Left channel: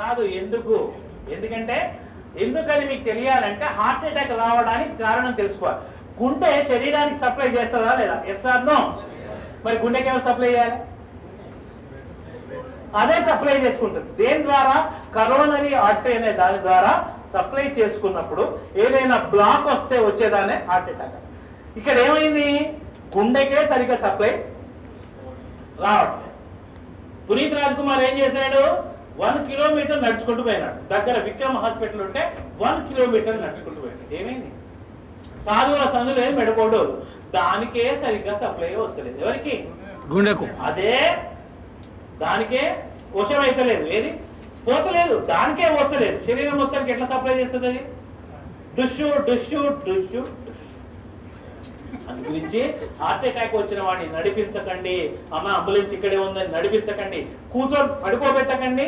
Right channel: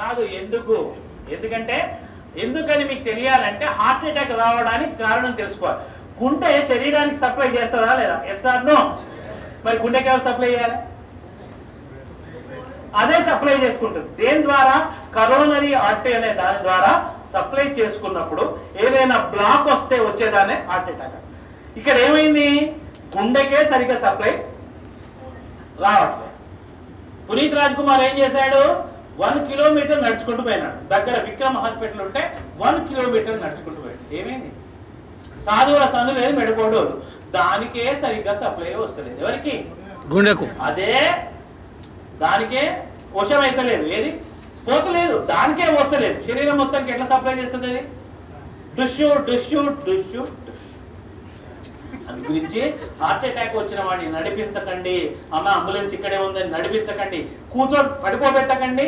కాదు. ఎందుకంటే ఎందుకని మీకు తెలియాలంటే హార్ట్ అటాక్ రావడానికి కారణం తెలుసుకోవాలి. గుండె శరీరానికి సప్లై చేస్తుందా లేదా? Yes or no? మరి గుండెకి ఎవరు సప్లై చేయాలి? అదే సప్లై చేసుకుంటుంది. దేని ద్వారా? కరోనరీ ఆర్టరీ అనే దాని ద్వారా సప్లై చేసుకున్నప్పుడు ఏదైనా బ్లాక్ వస్తే వచ్చేదానే హార్ట్ అటాక్. ఇక్కడ ఏమైంది? గుండెకే సరిగ్గా సప్లై రావట్లేదు. పునీత్ రాజ్ కుమార్ ఏం చేశాడు? 1 కిలోమీటర్ నడుచుకుంటూ పోయినాడు. దగ్గర విక్రమ్ హాస్పిటల్ ఉంటే 1 కిలోమీటర్ నడుచుకుంటూ పోయాడు. ఏమైంది? కాదుల సందు లేదు, మెడకోడు, దానికే సరిగ్గా సప్లై వస్తలేదు. ఎవరికి? గుండెకు. అదే దానికే వశం అయితే లేదు, ఏది పోతలేదు, దానికే వస్తలేదు. శరీరం మొత్తానికి ఎట్లా సప్లై చేస్తుంది అది? డుష్యూ డుష్యూ డుష్యూ. అందు గురించి హార్ట్ అటాక్ వచ్చిన వాడిని నడిపించకండి. అమ్మ అంబులెన్స్ ఇక్కడే ఉందని నడిపించకండి. కూర్చొని పడిపోబెట్టకండి.